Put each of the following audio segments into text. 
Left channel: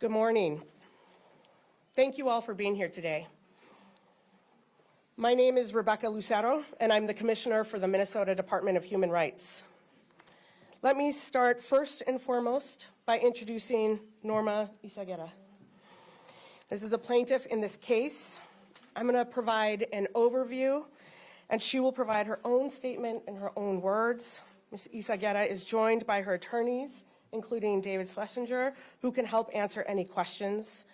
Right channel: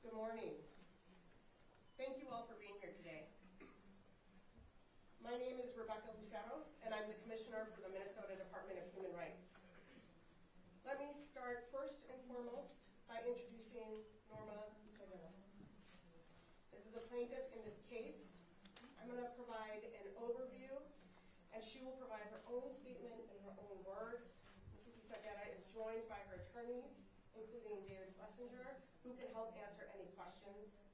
Good morning. Thank you all for being here today. My name is Rebecca Lucero, and I'm the Commissioner for the Minnesota Department of Human Rights. Let me start first and foremost by introducing Norma Isaguera. This is the plaintiff in this case. I'm going to provide an overview, and she will provide her own statement in her own words. Ms. Isaguera is joined by her attorneys, including David Schlesinger, who can help answer any questions.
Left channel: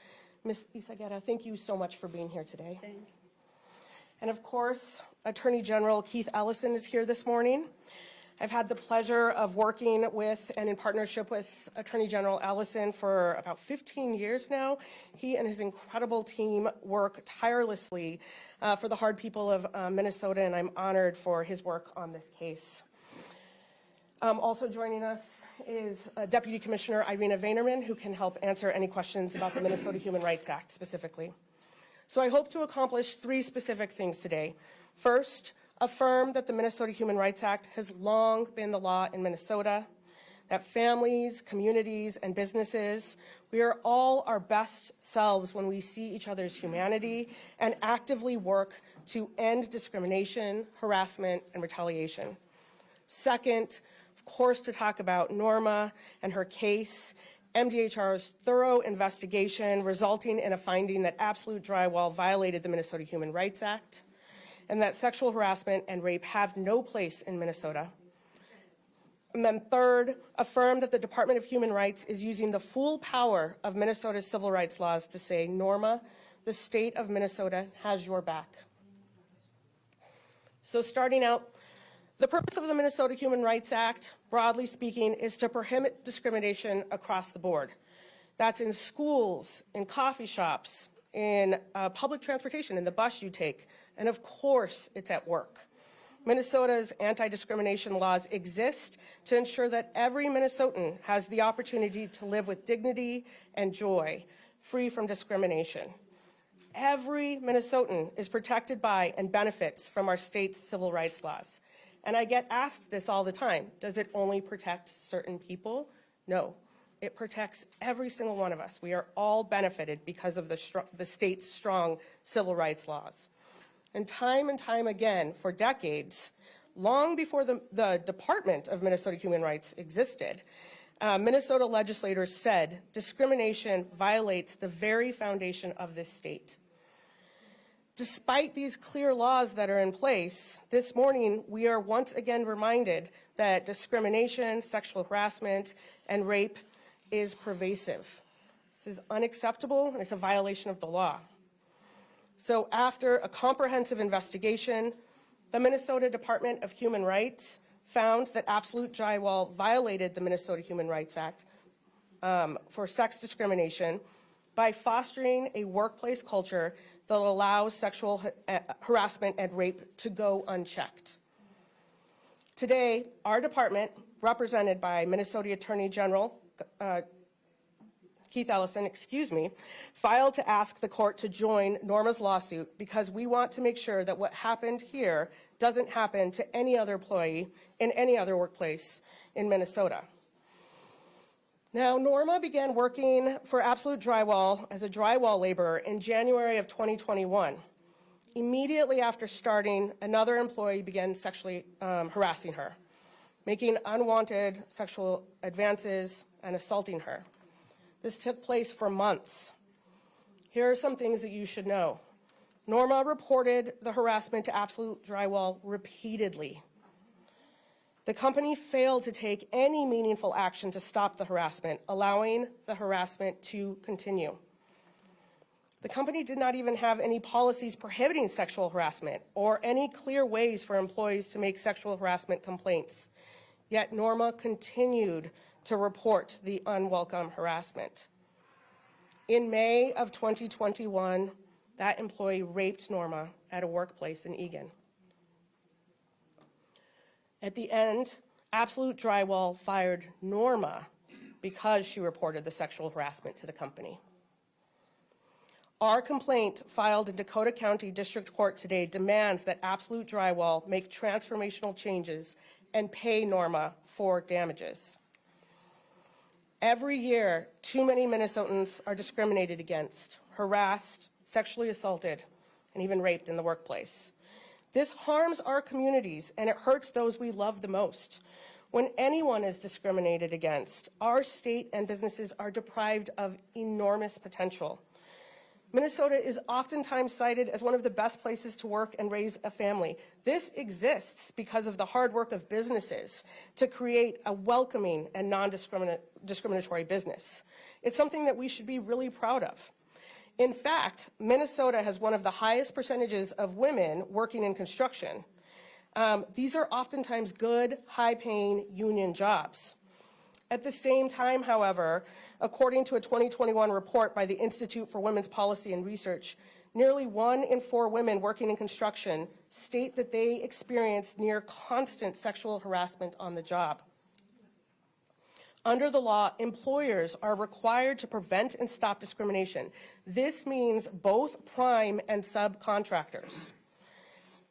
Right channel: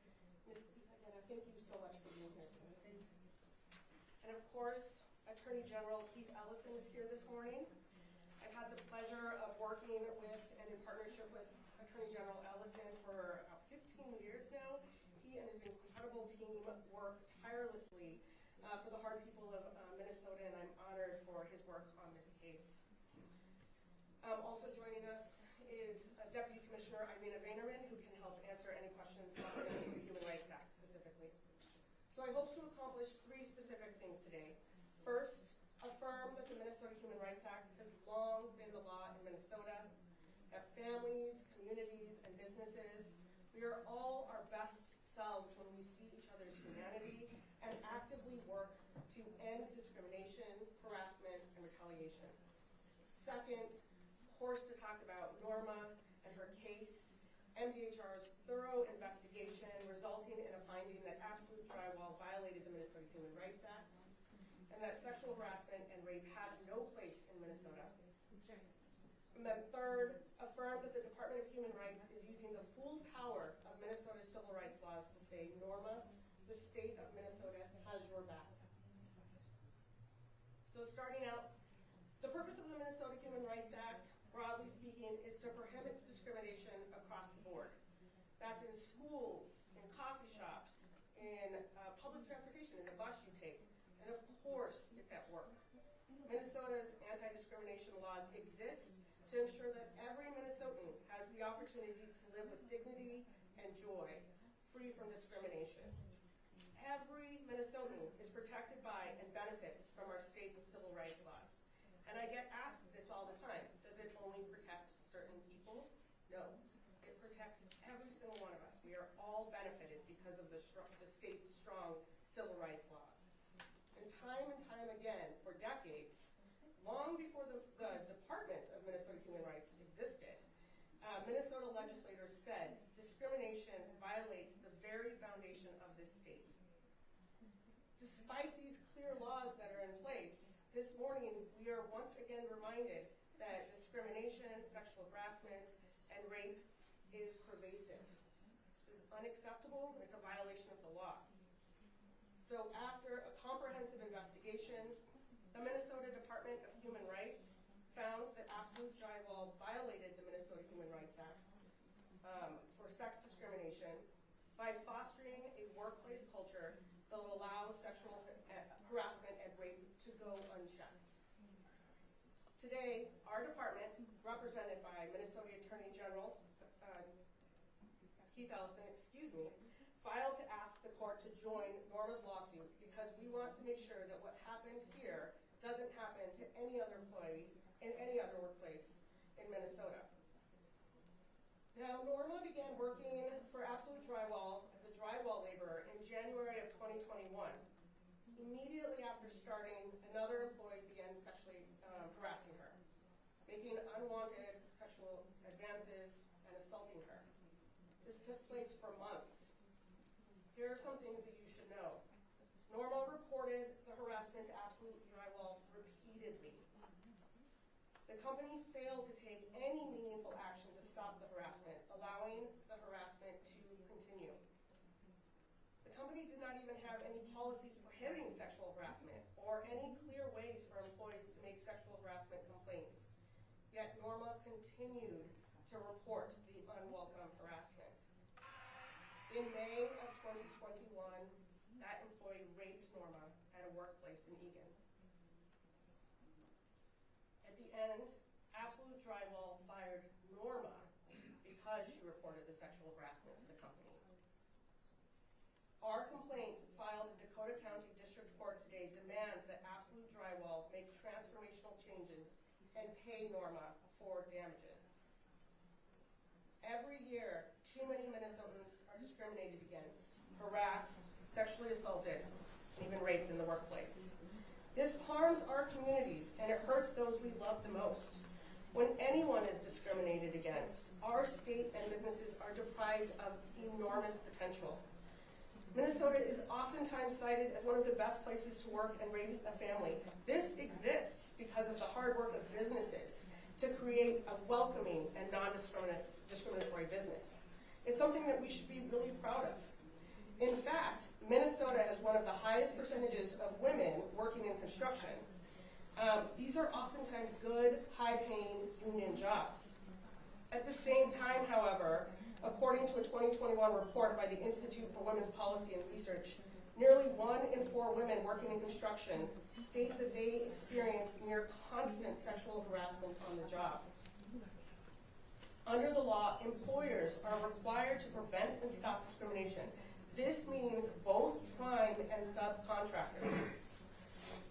Ms. Isaguera, thank you so much for being here today. Thank you. And of course, Attorney General Keith Ellison is here this morning. I've had the pleasure of working with and in partnership with Attorney General Ellison for about 15 years now. He and his incredible team work tirelessly for the hard people of Minnesota, and I'm honored for his work on this case. Also joining us is Deputy Commissioner Irina Vaynerman, who can help answer any questions about the Minnesota Human Rights Act specifically. So I hope to accomplish three specific things today. First, affirm that the Minnesota Human Rights Act has long been the law in Minnesota, that families, communities, and businesses, we are all our best selves when we see each other's humanity and actively work to end discrimination, harassment, and retaliation. Second, of course, to talk about Norma and her case, MDHR's thorough investigation resulting in a finding that Absolute Drywall violated the Minnesota Human Rights Act, and that sexual harassment and rape have no place in Minnesota. And then third, affirm that the Department of Human Rights is using the full power of Minnesota's civil rights laws to say, Norma, the state of Minnesota has your back. So starting out, the purpose of the Minnesota Human Rights Act, broadly speaking, is to prohibit discrimination across the board. That's in schools, in coffee shops, in public transportation, in the bus you take, and of course, it's at work. Minnesota's anti-discrimination laws exist to ensure that every Minnesotan has the opportunity to live with dignity and joy, free from discrimination. Every Minnesotan is protected by and benefits from our state's civil rights laws. And I get asked this all the time. Does it only protect certain people? No, it protects every single one of us. We are all benefited because of the state's strong civil rights laws. And time again, for decades, long before the Department of Minnesota Human Rights existed, Minnesota legislators said discrimination violates the very foundation of this state. Despite these clear laws that are in place, this morning we are once again reminded that discrimination, sexual harassment, and rape is pervasive. This is unacceptable, and it's a violation of the law. So after a comprehensive investigation, the Minnesota Department of Human Rights found that Absolute Drywall violated the Minnesota Human Rights Act for sex discrimination by fostering a workplace culture that allows sexual harassment and rape to go unchecked. Today, our department, represented by Minnesota Attorney General Keith Ellison, filed to ask the court to join Norma's lawsuit because we want to make sure that what happened here doesn't happen to any other employee in any other workplace in Minnesota. Now, Norma began working for Absolute Drywall as a drywall laborer in January of 2021. Immediately after starting, another employee began sexually harassing her, making unwanted sexual advances and assaulting her. This took place for months. Here are some things that you should know. Norma reported the harassment to Absolute Drywall repeatedly. The company failed to take any meaningful action to stop the harassment, allowing the harassment to continue. The company did not even have any policies prohibiting sexual harassment or any clear ways for employees to make sexual harassment complaints. Yet Norma continued to report the unwelcome harassment. In May of 2021, that employee raped Norma at a workplace in Eagan. At the end, Absolute Drywall fired Norma because she reported the sexual harassment to the company. Our complaint filed in Dakota County District Court today demands that Absolute Drywall make transformational changes and pay Norma for damages. Every year, too many Minnesotans are discriminated against, harassed, sexually assaulted, and even raped in the workplace. This harms our communities, and it hurts those we love the most. When anyone is discriminated against, our state and businesses are deprived of enormous potential. Minnesota is oftentimes cited as one of the best places to work and raise a family. This exists because of the hard work of businesses to create a welcoming and non-discriminatory business. It's something that we should be really proud of. In fact, Minnesota has one of the highest percentages of women working in construction. These are oftentimes good, high-paying union jobs. At the same time, however, according to a 2021 report by the Institute for Women's Policy and Research, nearly 1 in 4 women working in construction state that they experience near constant sexual harassment on the job. Under the law, employers are required to prevent and stop discrimination. This means both prime and subcontractors.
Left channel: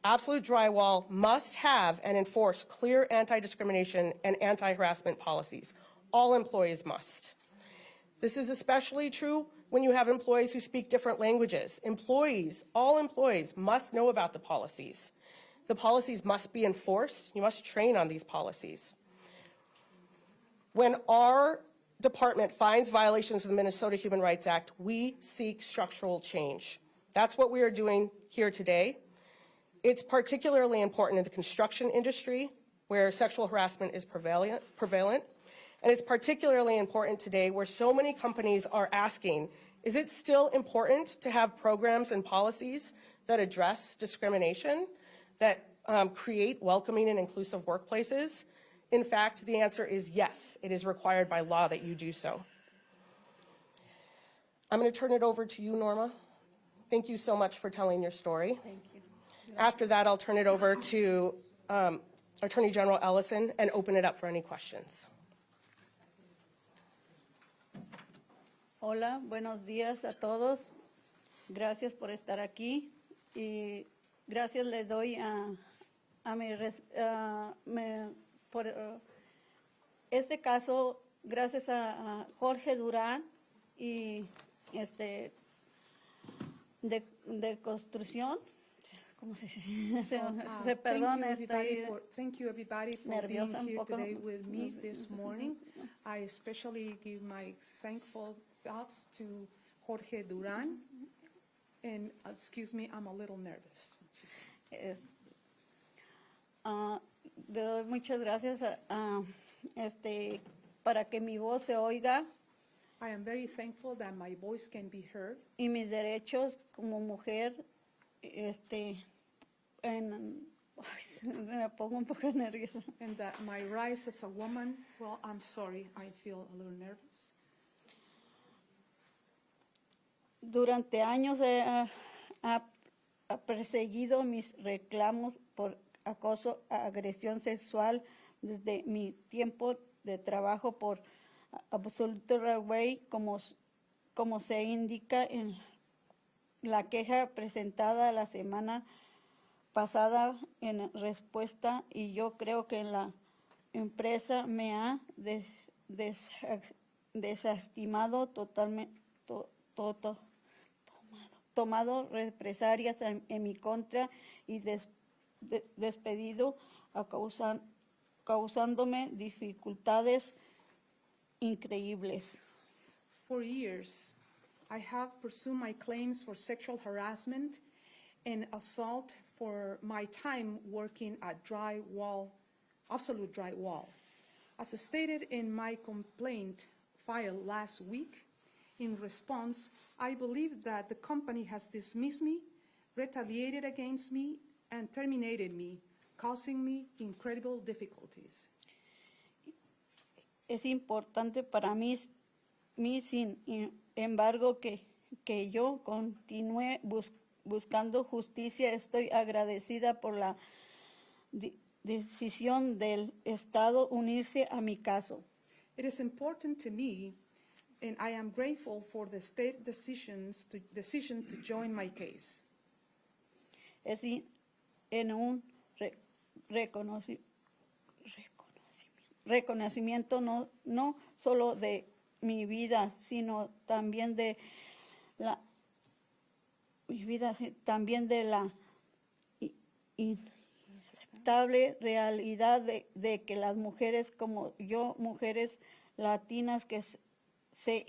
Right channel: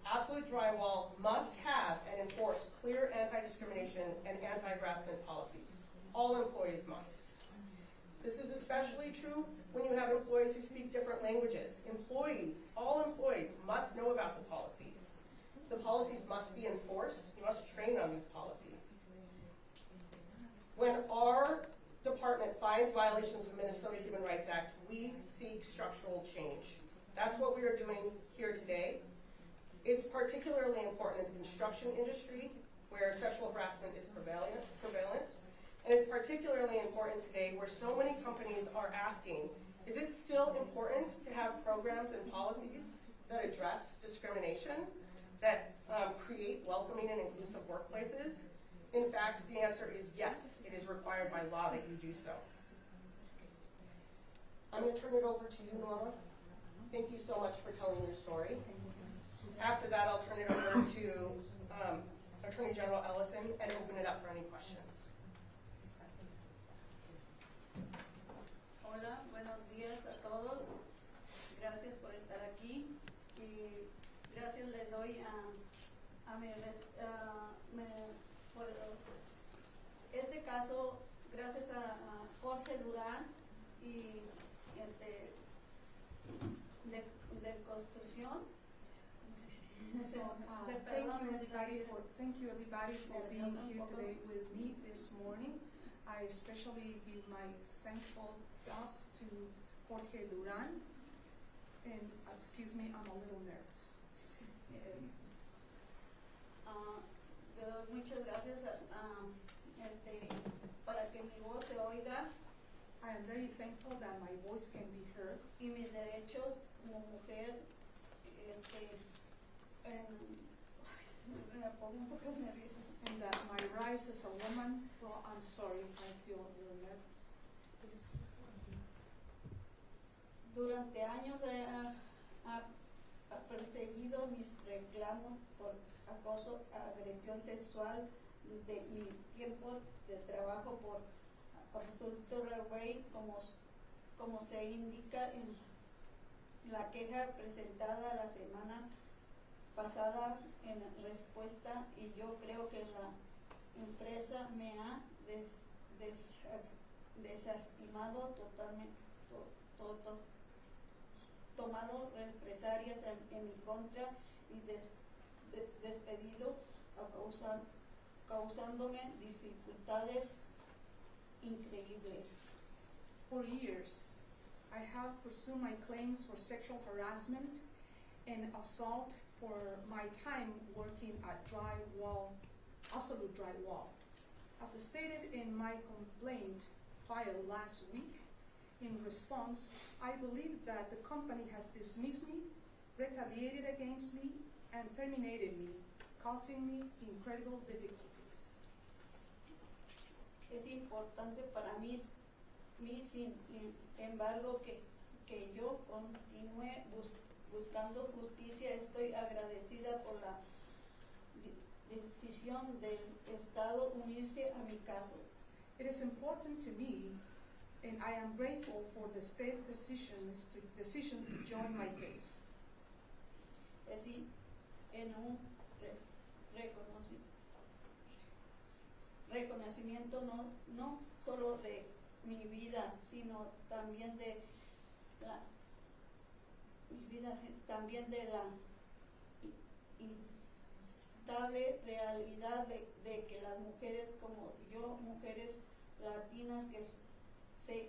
Absolute Drywall must have and enforce clear anti-discrimination and anti-harassment policies. All employees must. This is especially true when you have employees who speak different languages. All employees must know about the policies. The policies must be enforced. You must train on these policies. When our department finds violations of the Minnesota Human Rights Act, we seek structural change. That's what we are doing here today. It's particularly important in the construction industry, where sexual harassment is prevalent. And it's particularly important today where so many companies are asking, is it still important to have programs and policies that address discrimination, that create welcoming and inclusive workplaces? In fact, the answer is yes. It is required by law that you do so. I'm going to turn it over to you, Norma. Thank you so much for telling your story. Thank you. After that, I'll turn it over to Attorney General Ellison and open it up for any questions. Hola, buenos días a todos. Gracias por estar aquí y gracias les doy por este caso, gracias a Jorge Durán y de construcción. ¿Cómo se dice? Se perdone, thank you everybody for nerviosa being here un poco. today with me this morning. I especially give my thankful thoughts to Jorge Duran. And excuse me, I'm a little nervous. Le doy muchas gracias para que mi voz se oiga I am very thankful that my voice can be heard y mis derechos como mujer me pongo un poco nerviosa. and that my rise as a woman, well, I'm sorry, I feel a little nervous. Durante años ha perseguido mis reclamos por acoso, agresión sexual desde mi tiempo de trabajo por Absolute Drywall, como se indica en la queja presentada la semana pasada en respuesta, y yo creo que la empresa me ha desestimado totalmente, tomado represalias en mi contra y despedido, causándome dificultades increíbles. For years, I have pursued my claims for sexual harassment and assault for my time working at Drywall, Absolute Drywall. As stated in my complaint filed last week, in response, I believe that the company has dismissed me, retaliated against me, and terminated me, causing me incredible difficulties. Es importante para mí sin embargo, que yo continúe buscando justicia. Estoy agradecida por la decisión del Estado unirse a mi caso. It is important to me, and I am grateful for the state decision to join my case. Es en un reconocimiento no solo de mi vida, sino también de la también de la inaceptable realidad de que las mujeres como yo, mujeres latinas que se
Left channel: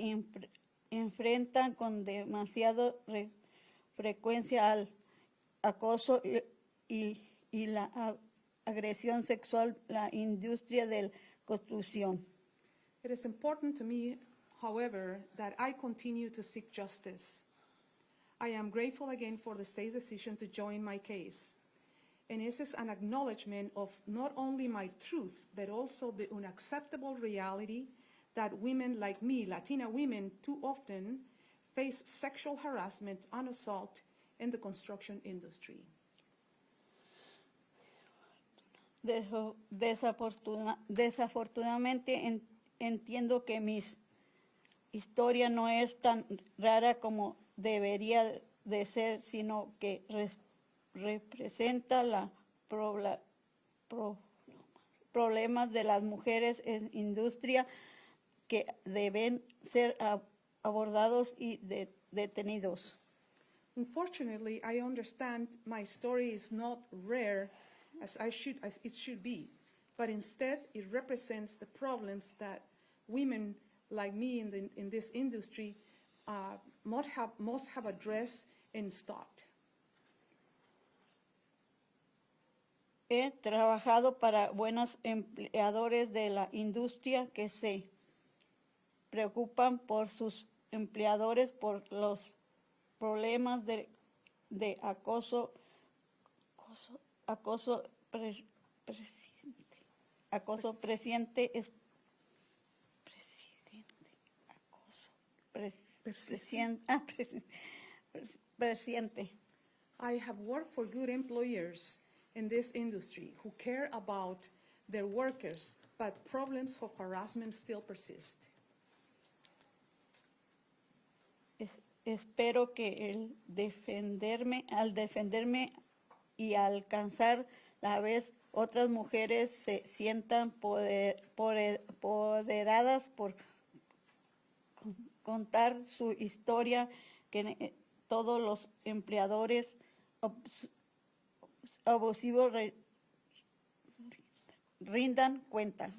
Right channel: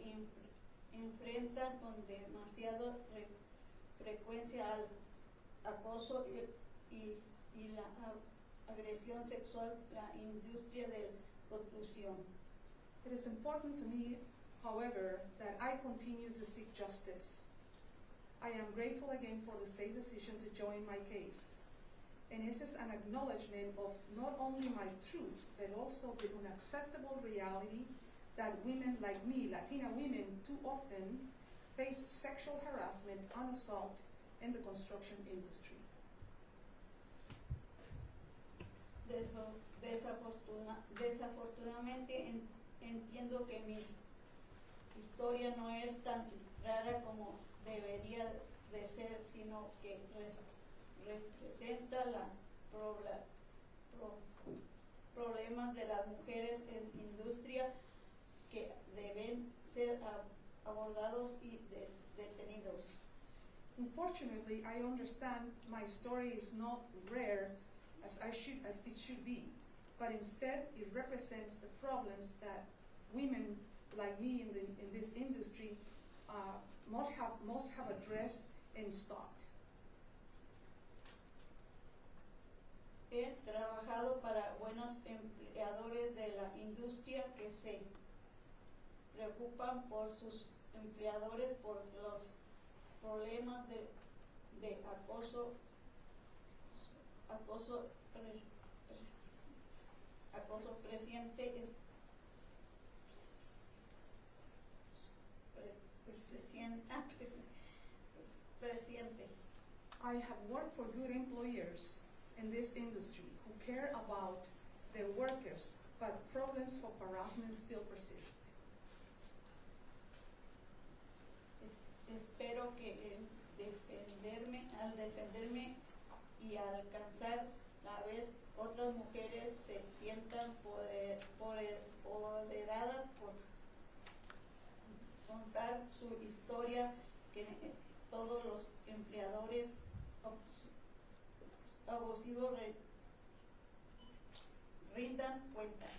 enfrentan con demasiada frecuencia al acoso y la agresión sexual en la industria de la construcción. It is important to me, however, that I continue to seek justice. I am grateful again for the state's decision to join my case. And this is an acknowledgement of not only my truth, but also the unacceptable reality that women like me, Latina women, too often face sexual harassment and assault in the construction industry. Desafortunadamente entiendo que mi historia no es tan rara como debería de ser, sino que representa la problemas de las mujeres en industria que deben ser abordados y detenidos. Unfortunately, I understand my story is not rare as it should be, but instead it represents the problems that women like me in this industry must have addressed and stopped. He trabajado para buenos empleadores de la industria que se preocupan por sus empleadores por los problemas de acoso presente. I have worked for good employers in this industry who care about their workers, but problems of harassment still persist. Espero que al defenderme y alcanzar la vez otras mujeres se sientan empoderadas por contar su historia, que todos los empleadores abusivos rindan cuentas.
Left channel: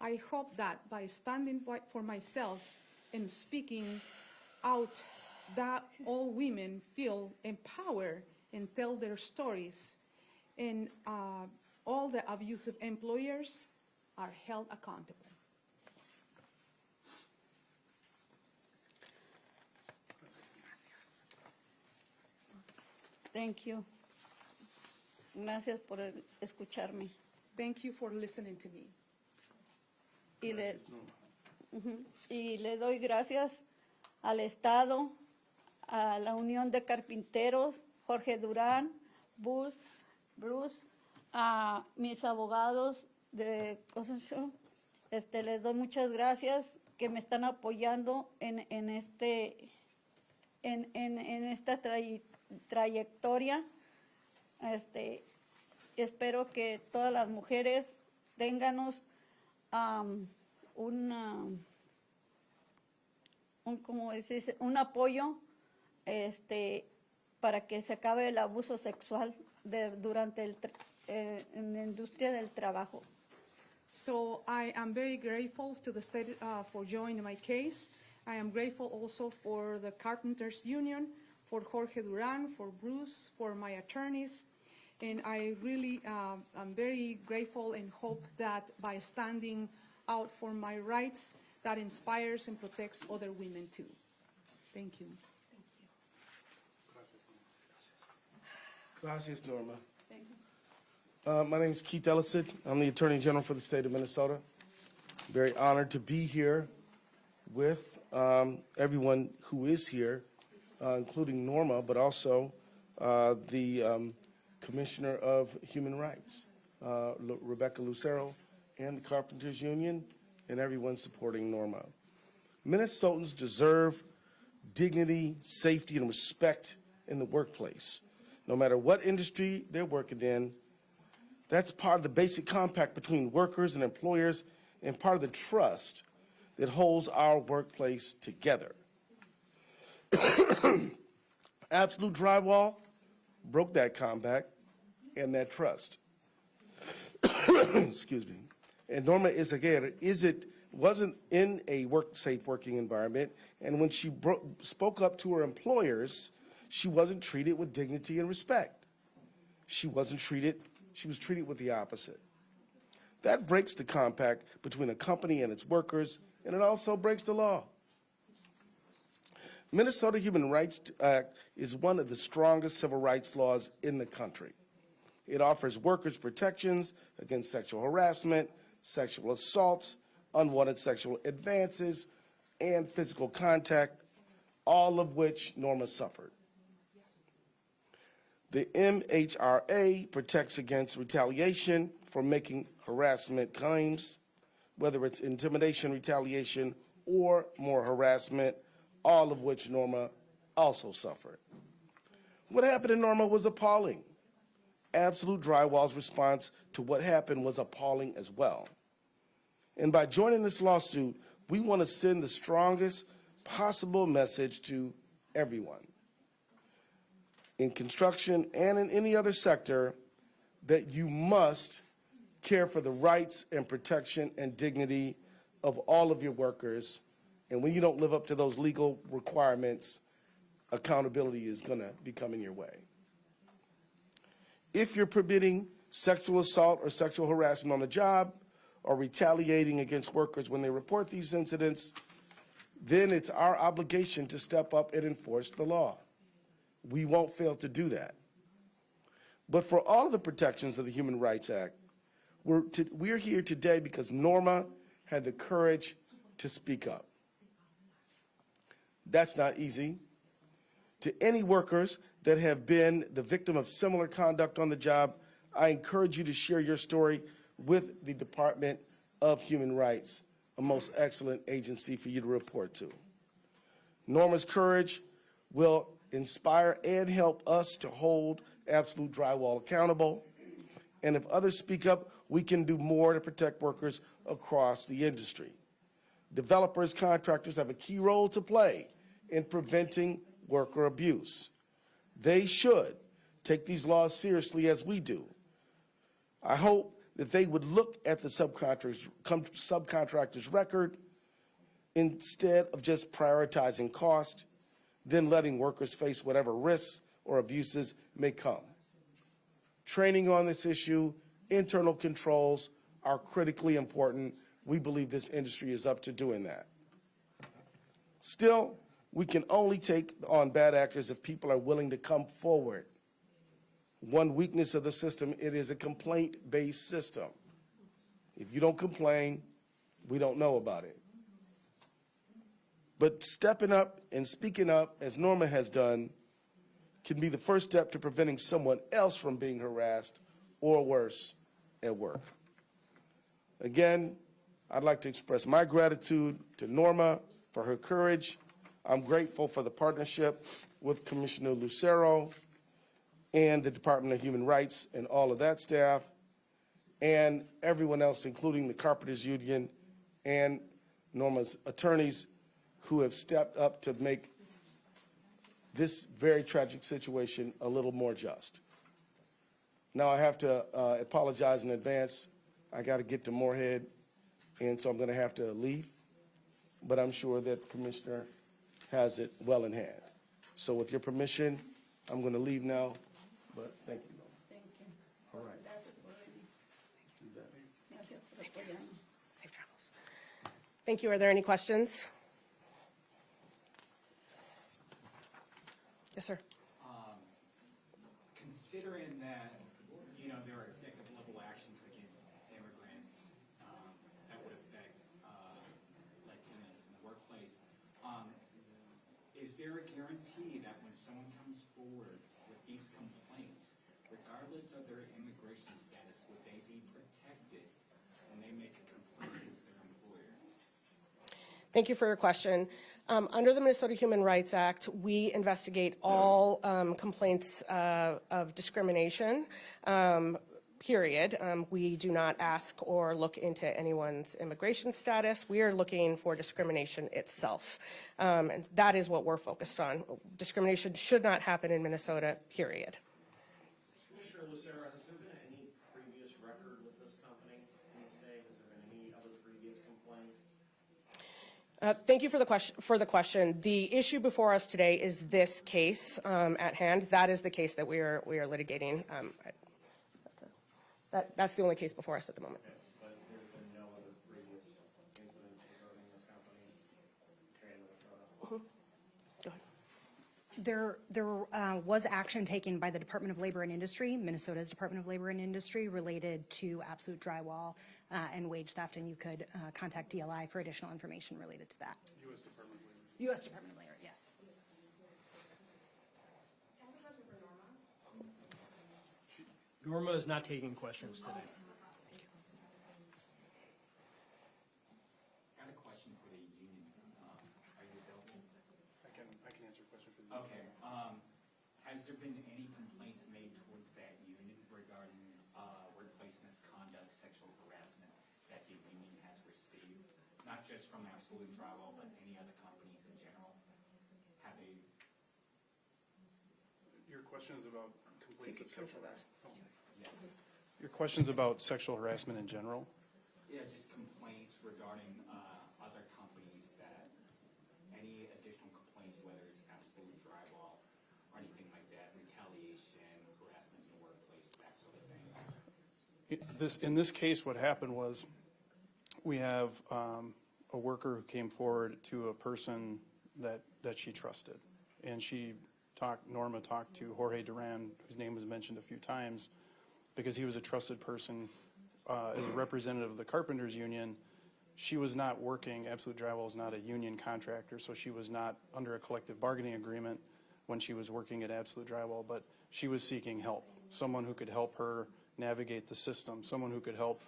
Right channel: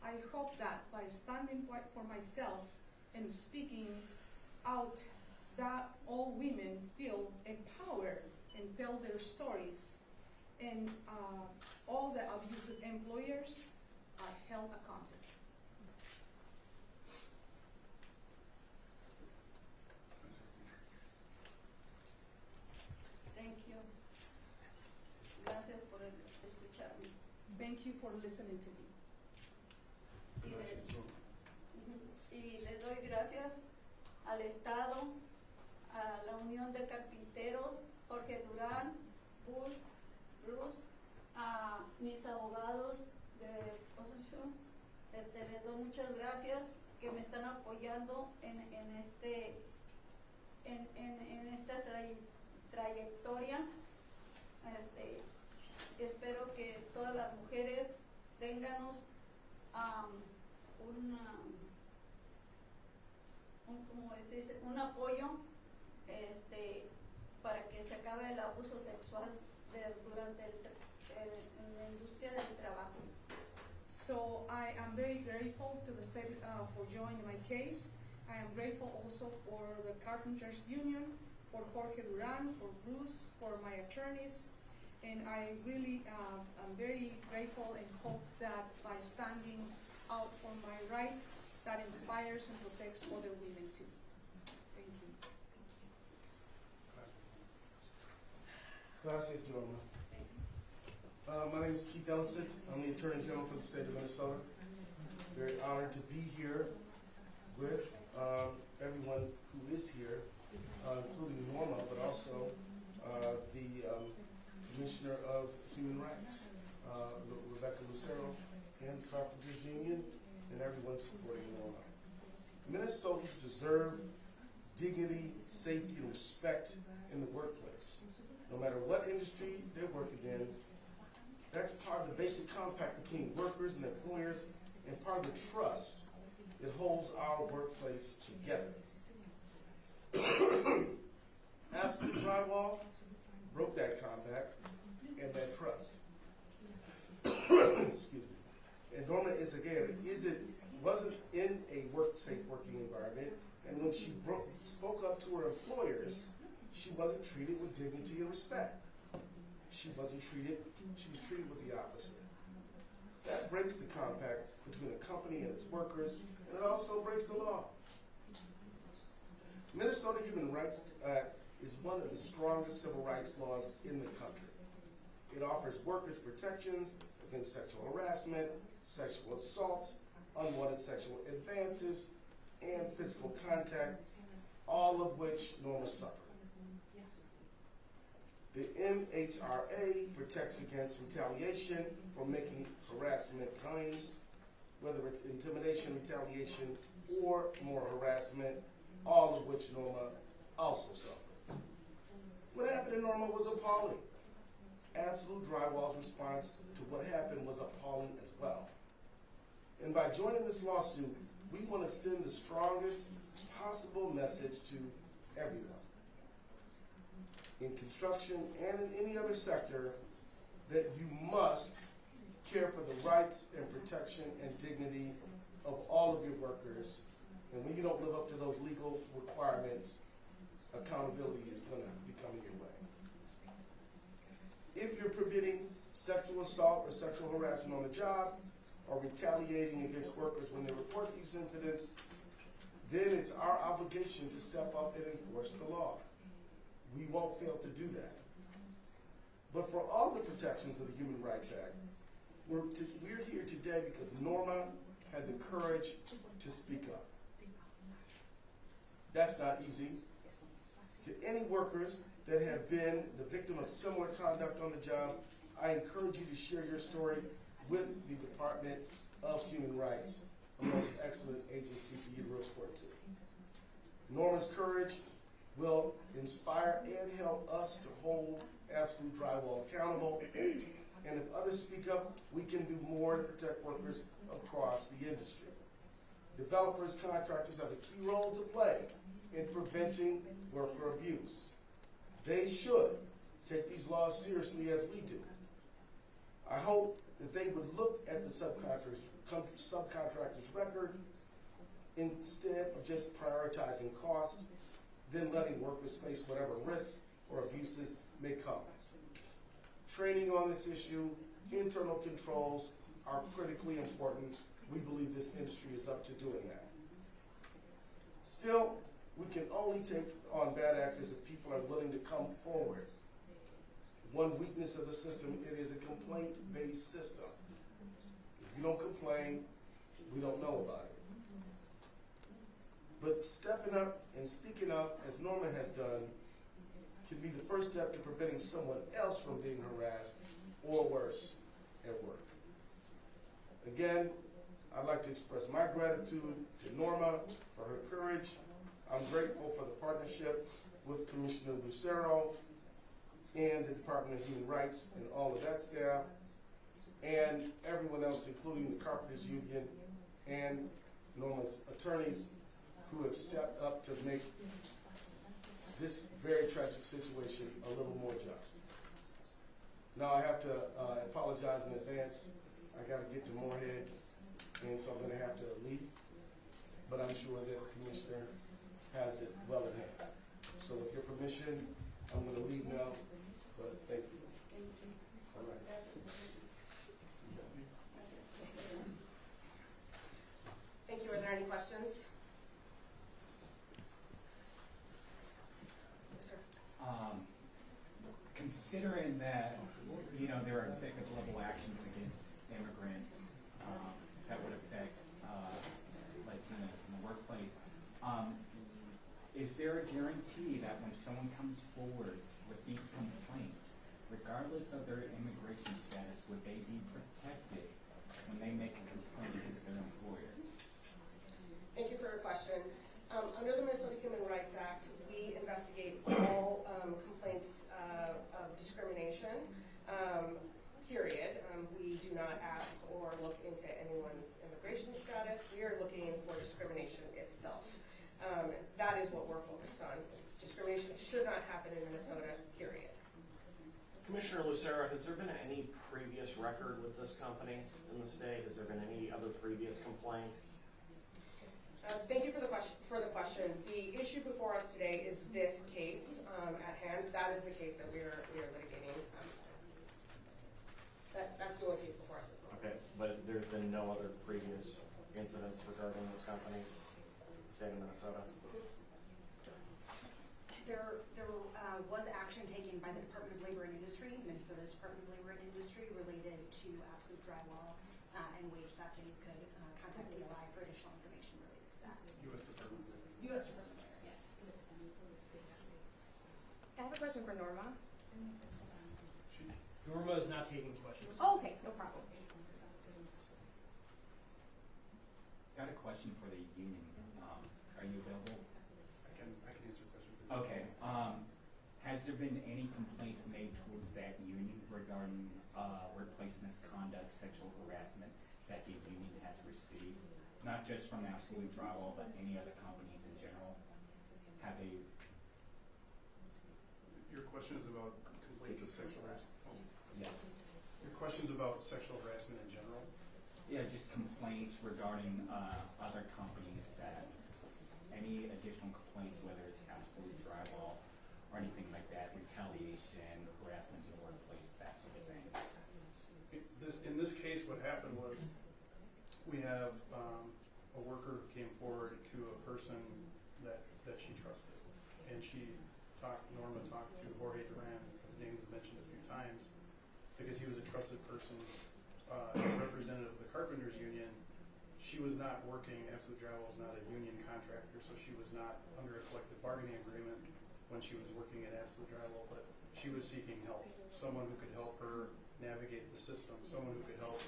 I hope that by standing for myself and speaking out, that all women feel empowered and tell their stories, and all the abusive employers are held accountable. Thank you. Gracias por escucharme. Thank you for listening to me. Y le doy gracias al Estado, a la Unión de Carpinteros, Jorge Durán, Bruce, a mis abogados de Constitución. Les doy muchas gracias que me están apoyando en esta trayectoria. Espero que todas las mujeres tenganos un apoyo para que se acabe el abuso sexual durante en la industria del trabajo. So I am very grateful to the state for joining my case. I am grateful also for the Carpenters Union, for Jorge Duran, for Bruce, for my attorneys. And I really am very grateful and hope that by standing out for my rights, that inspires and protects other women too. Thank you. Gracias, Norma. My name is Keith Ellison. I'm the Attorney General for the state of Minnesota. Very honored to be here with everyone who is here, including Norma, but also the Commissioner of Human Rights, Rebecca Lucero, and the Carpenters Union, and everyone supporting Norma. Minnesotans deserve dignity, safety, and respect in the workplace. No matter what industry they're working in, that's part of the basic compact between workers and employers and part of the trust that holds our workplace together. Absolute Drywall broke that compact and that trust. Excuse me. And Norma wasn't in a safe working environment, and when she spoke up to her employers, she wasn't treated with dignity and respect. She was treated with the opposite. That breaks the compact between a company and its workers, and it also breaks the law. Minnesota Human Rights Act is one of the strongest civil rights laws in the country. It offers workers protections against sexual harassment, sexual assaults, unwanted sexual advances, and physical contact, all of which Norma suffered. The MHRA protects against retaliation for making harassment claims, whether it's intimidation, retaliation, or more harassment, all of which Norma also suffered. What happened to Norma was appalling. Absolute Drywall's response to what happened was appalling as well. And by joining this lawsuit, we want to send the strongest possible message to everyone in construction and in any other sector that you must care for the rights and protection and dignity of all of your workers. And when you don't live up to those legal requirements, accountability is going to be coming your way. If you're permitting sexual assault or sexual harassment on the job or retaliating against workers when they report these incidents, then it's our obligation to step up and enforce the law. We won't fail to do that. But for all of the protections of the Human Rights Act, we're here today because Norma had the courage to speak up. That's not easy. To any workers that have been the victim of similar conduct on the job, I encourage you to share your story with the Department of Human Rights, a most excellent agency for you to report to. Norma's courage will inspire and help us to hold Absolute Drywall accountable. And if others speak up, we can do more to protect workers across the industry. Developers, contractors have a key role to play in preventing worker abuse. They should take these laws seriously as we do. I hope that they would look at the subcontractor's record instead of just prioritizing cost, then letting workers face whatever risks or abuses may come. Training on this issue, internal controls are critically important. We believe this industry is up to doing that. Still, we can only take on bad actors if people are willing to come forward. One weakness of the system, it is a complaint-based system. If you don't complain, we don't know about it. But stepping up and speaking up, as Norma has done, can be the first step to preventing someone else from being harassed or worse at work. Again, I'd like to express my gratitude to Norma for her courage. I'm grateful for the partnership with Commissioner Lucero and the Department of Human Rights and all of that staff, and everyone else, including the Carpenters Union and Norma's attorneys, who have stepped up to make this very tragic situation a little more just. Now I have to apologize in advance. I got to get to Moorhead, and so I'm going to have to leave, but I'm sure that the Commissioner has it well in hand. So with your permission, I'm going to leave now, but thank you. Thank you. All right. Thank you. Are there any questions? Yes, sir. Considering that, there are executive level actions against immigrants that would affect Latinos in the workplace, is there a guarantee that when someone comes forward with these complaints, regardless of their immigration status, would they be protected when they make a complaint against their employer? Thank you for your question. Under the Minnesota Human Rights Act, we investigate all complaints of discrimination. period. We do not ask or look into anyone's immigration status. We are looking for discrimination itself. And that is what we're focused on. Discrimination should not happen in Minnesota, period. Commissioner Lucera, has there been any previous record with this company in the state? Has there been any other previous complaints? Thank you for the question. The issue before us today is this case at hand. That is the case that we are litigating. That's the only case before us at the moment. Okay, but there's been no other previous incidents regarding this company in the state of Minnesota? There was action taken by the Department of Labor and Industry, Minnesota's Department of Labor and Industry, related to Absolute Drywall and wage theft, and you could contact DLI for additional information related to that. U.S. Department of Labor, yes. I have a question for Norma. Norma is not taking questions. Oh, okay, no problem. Got a question for the union. Are you available? I can answer a question for you. Okay. Has there been any complaints made towards that union regarding workplace misconduct, sexual harassment that the union has received? Not just from Absolute Drywall, but any other companies in general? Have they? Your question is about complaints of sexual harassment? Yes. Your question's about sexual harassment in general? Yeah, just complaints regarding other companies that, any additional complaints, whether it's Absolute Drywall or anything like that, retaliation, harassment in the workplace, that sort of thing. In this case, what happened was we have a worker who came forward to a person that she trusted. And Norma talked to Jorge Duran, whose name was mentioned a few times, because he was a trusted person as a representative of the Carpenters Union. She was not working, Absolute Drywall is not a union contractor, so she was not under a collective bargaining agreement when she was working at Absolute Drywall, but she was seeking help, someone who could help her navigate the system, someone who could help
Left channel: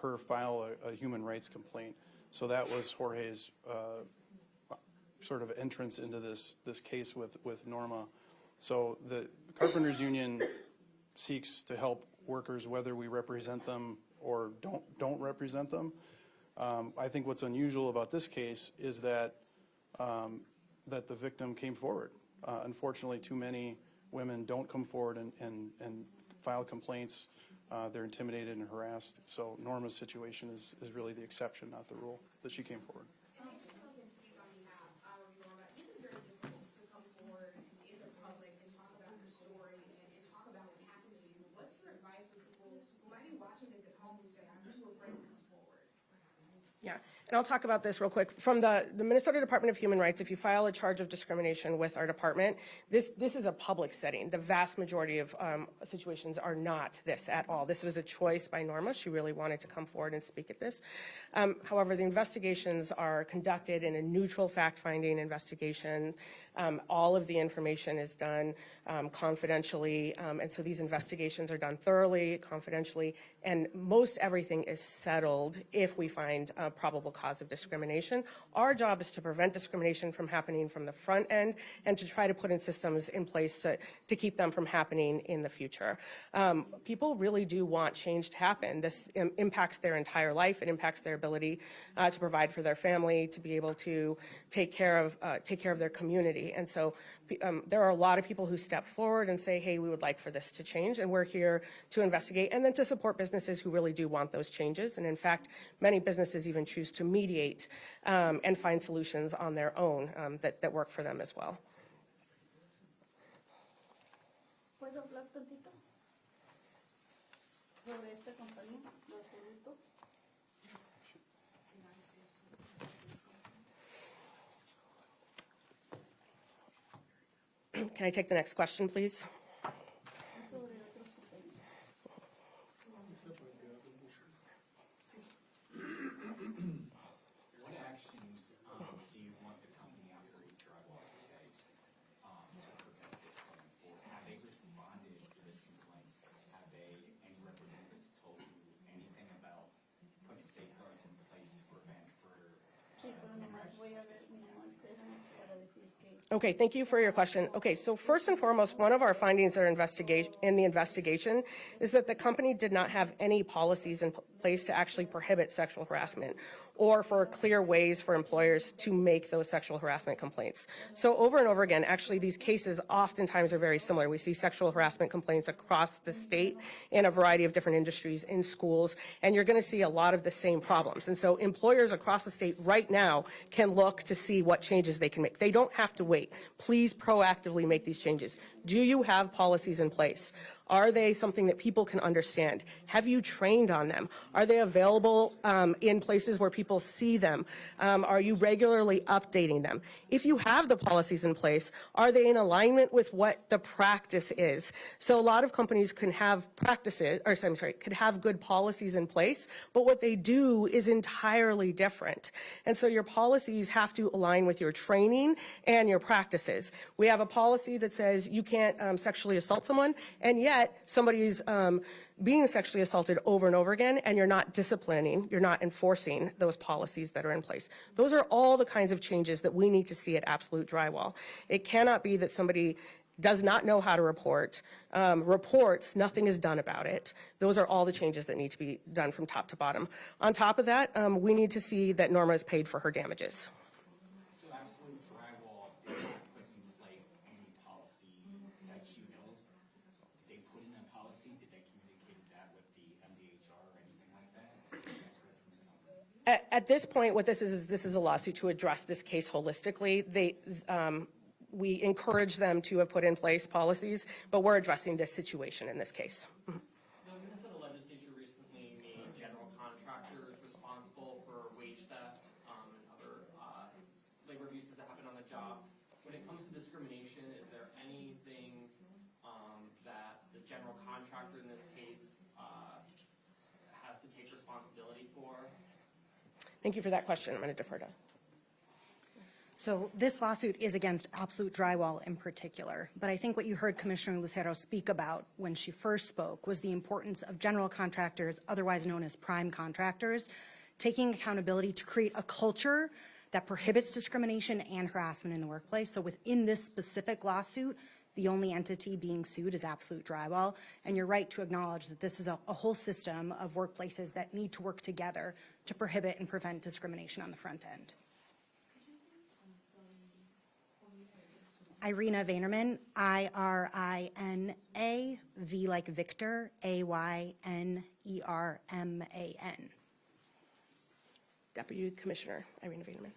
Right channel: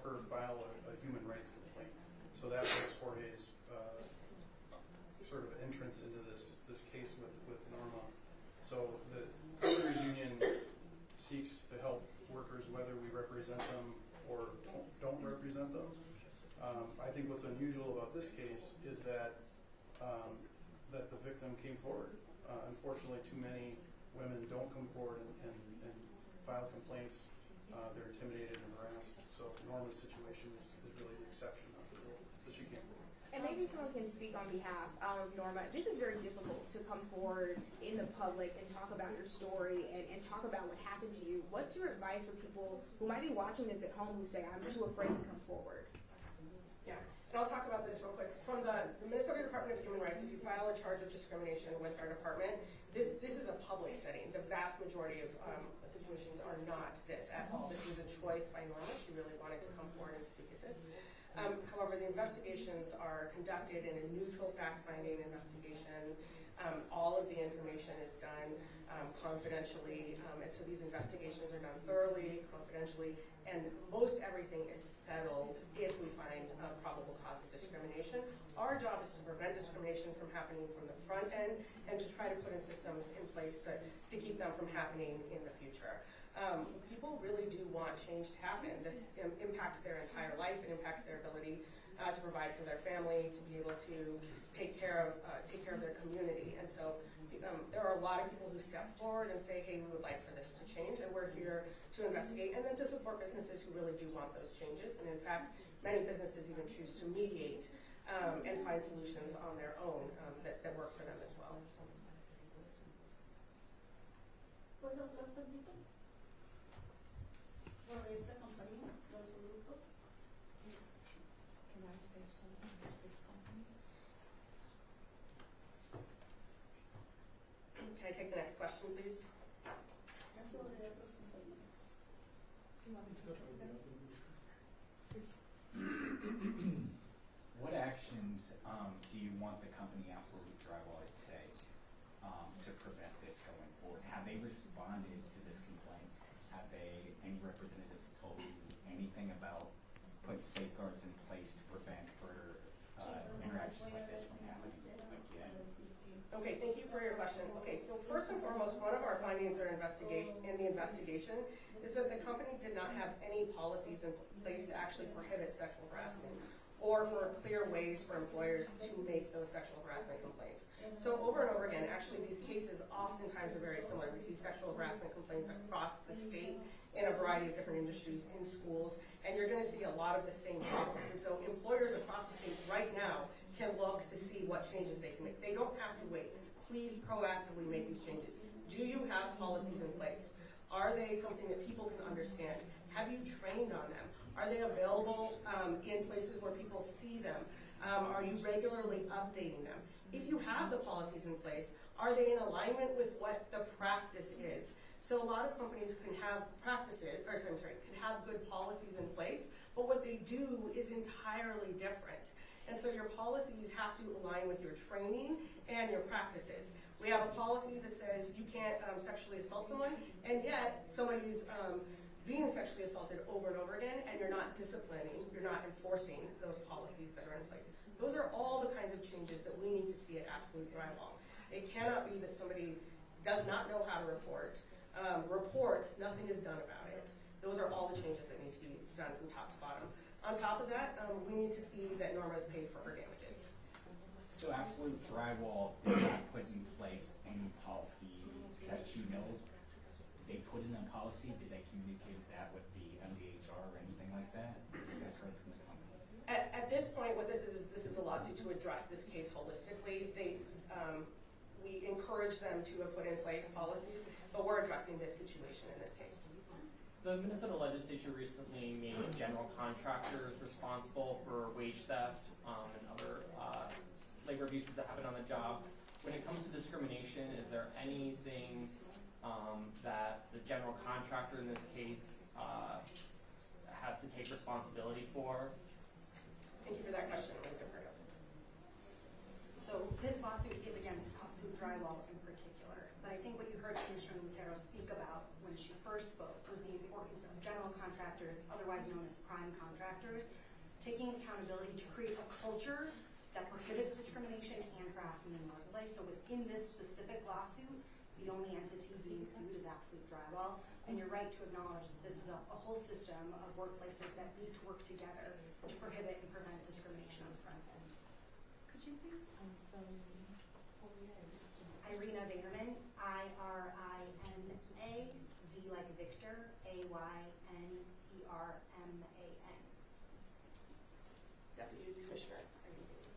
her file a human rights complaint. So that was Jorge's sort of entrance into this case with Norma. So the Carpenters Union seeks to help workers whether we represent them or don't represent them. I think what's unusual about this case is that the victim came forward. Unfortunately, too many women don't come forward and file complaints. They're intimidated and harassed. So Norma's situation is really the exception, not the rule, that she came forward. And maybe someone can speak on behalf of Norma. This is very difficult to come forward in the public and talk about your story and talk about what happened to you. What's your advice for people who might be watching this at home who say, I'm too afraid to come forward? Yeah, and I'll talk about this real quick. From the Minnesota Department of Human Rights, if you file a charge of discrimination with our department, this is a public setting. The vast majority of situations are not this at all. This was a choice by Norma. She really wanted to come forward and speak at this. However, the investigations are conducted in a neutral fact-finding investigation. All of the information is done confidentially, and so these investigations are done thoroughly, confidentially, and most everything is settled if we find a probable cause of discrimination. Our job is to prevent discrimination from happening from the front end and to try to put in systems in place to keep them from happening in the future. People really do want change to happen. This impacts their entire life. It impacts their ability to provide for their family, to be able to take care of their community. And so there are a lot of people who step forward and say, hey, we would like for this to change, and we're here to investigate and then to support businesses who really do want those changes. And in fact, many businesses even choose to mediate and find solutions on their own that work for them as well. ¿Puedo hablar tantito? Sobre esta compañía, lo absoluto. Can I take the next question, please? What actions do you want the company Absolute Drywall to take to prevent this going forward? Have they responded to this complaint? Have any representatives told you anything about putting safeguards in place to prevent further interactions like this from happening? Okay, thank you for your question. Okay, so first and foremost, one of our findings in the investigation is that the company did not have any policies in place to actually prohibit sexual harassment or for clear ways for employers to make those sexual harassment complaints. So over and over again, actually these cases oftentimes are very similar. We see sexual harassment complaints across the state in a variety of different industries, in schools, and you're gonna see a lot of the same problems. And so employers across the state right now can look to see what changes they can make. They don't have to wait. Please proactively make these changes. Do you have policies in place? Are they something that people can understand? Have you trained on them? Are they available in places where people see them? Are you regularly updating them? If you have the policies in place, are they in alignment with what the practice is? So a lot of companies can have could have good policies in place, but what they do is entirely different. And so your policies have to align with your training and your practices. We have a policy that says you can't sexually assault someone, and yet somebody's being sexually assaulted over and over again, and you're not disciplining, you're not enforcing those policies that are in place. Those are all the kinds of changes that we need to see at Absolute Drywall. It cannot be that somebody does not know how to report, reports, nothing is done about it. Those are all the changes that need to be done from top to bottom. On top of that, we need to see that Norma is paid for her damages. So Absolute Drywall did not put in place any policy that you know they put in a policy. Did they communicate that with the MDHR or anything like that? You guys heard from this company? At this point, what this is a lawsuit to address this case holistically. We encourage them to have put in place policies, but we're addressing this situation in this case. The Minnesota legislature recently made general contractors responsible for wage theft and other labor abuses that happen on the job. When it comes to discrimination, is there anything that the general contractor in this case has to take responsibility for? Thank you for that question. I'm going to defer to. So this lawsuit is against Absolute Drywall in particular, but I think what you heard Commissioner Lucero speak about when she first spoke was the importance of general contractors, otherwise known as prime contractors, taking accountability to create a culture that prohibits discrimination and harassment in the workplace. So within this specific lawsuit, the only entity being sued is Absolute Drywall, and you're right to acknowledge that this is a whole system of workplaces that need to work together to prohibit and prevent discrimination on the front end. Irina Vaynerman, IRINA, V like Victor, AYNERMAN. Deputy Commissioner Irina Vaynerman.